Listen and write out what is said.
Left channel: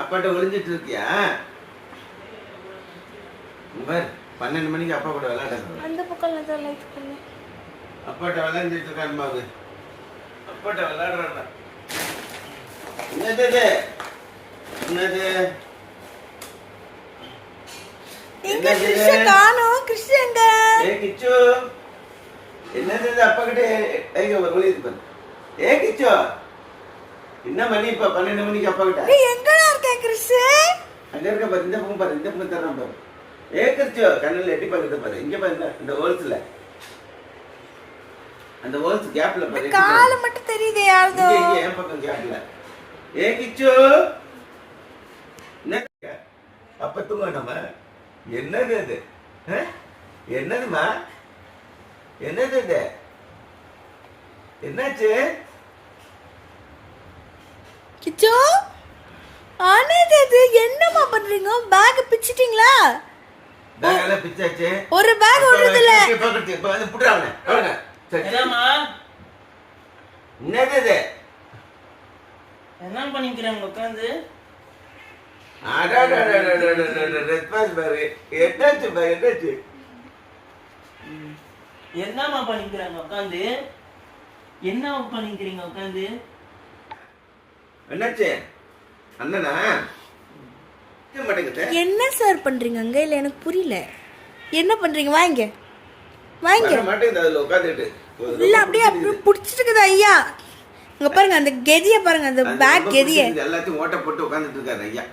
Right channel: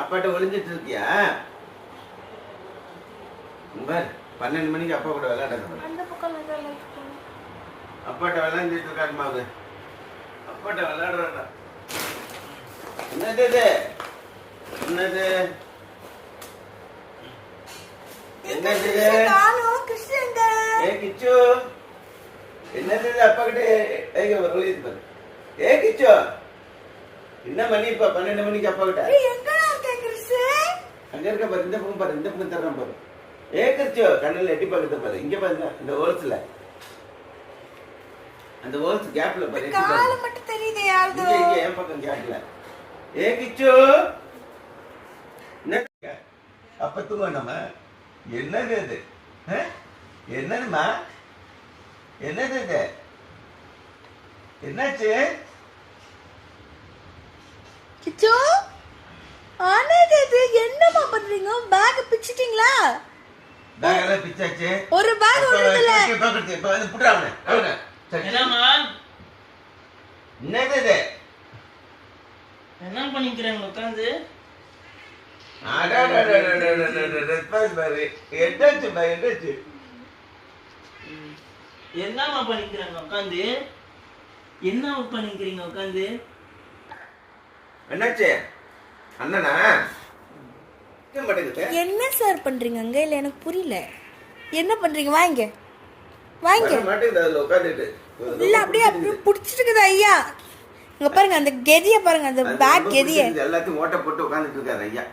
அப்பாட்ட ஒளிஞ்சிட்டு இருக்கியா? பார் 12 மணிக்கு அப்பா கூட விளையாடுங்க. அந்த பக்கம் லைட் பண்ணு. அப்பாட்ட விளையாண்டுட்டு இருக்கான் பாரு. அப்பாட்ட விளையாடுறாடா. என்னது இது? என்னது? என்னது இது? காணோம் கிருஷ்ணங்க. கிச்சு. என்னது இது? அப்பா கிட்ட ஐயோ ஒளியுது பாரு. கிச்சு. என்ன மணி இப்ப 12 மணிக்கு அப்பா கிட்ட? எங்கடா இருக்க கிருஷ்ணன்? அங்க இருக்க பாரு. இந்த பக்கம் பாரு. இந்த பக்கம் தர்றேன் பாரு. கிச்சு கண்ணுல எட்டி பாக்குறது பாரு. இங்க பாரு இந்த ஹோல்ஸ்ல. அந்த ஹோல்ஸ் கேப்ல பாரு. கால மட்டும் தெரியுதே யாரதோ. இங்க என் பக்கம் கேப்ல. கிச்சு. என்ன அப்ப தூங்க நம்ம. என்னது இது? என்னதுமா? என்னது இது? என்னாச்சு? கிச்சு ஆனது இது என்னமா பண்றீங்க? பேக் பிச்சிட்டீங்களா? பேக் எல்லாம் பிச்சாச்சு. ஒரு பேக் ஒண்ணுது இல்ல. பாக்கட்டு இப்ப வந்து புடுறாங்க. ஓடுங்க. என்னம்மா? என்னது இது? என்ன பண்ணிக்கிறாங்க உட்காந்து? ரெஸ்பான்ஸ் பாரு. என்னாச்சு பா என்னாச்சு? என்னம்மா பண்ணிக்கிறாங்க உட்காந்து? என்ன பண்ணிக்கிறீங்க உட்காந்து? என்னாச்சு? அண்ணனா? மாட்டேங்குது. என்ன சார் பண்றீங்க அங்க? இல்ல எனக்கு புரியல. என்ன பண்றீங்க? வாங்க வாங்க. மாட்டேங்குது அதுல உட்காந்துட்டு. இல்ல அப்படியே புடிச்சிட்டு இருக்குது ஐயா. இங்க பாருங்க அந்த கெதிய பாருங்க, அந்த பேக் கெதிய எல்லாத்தையும் ஓட்ட போட்டு உட்காந்துட்டு இருக்காரு ஐயா.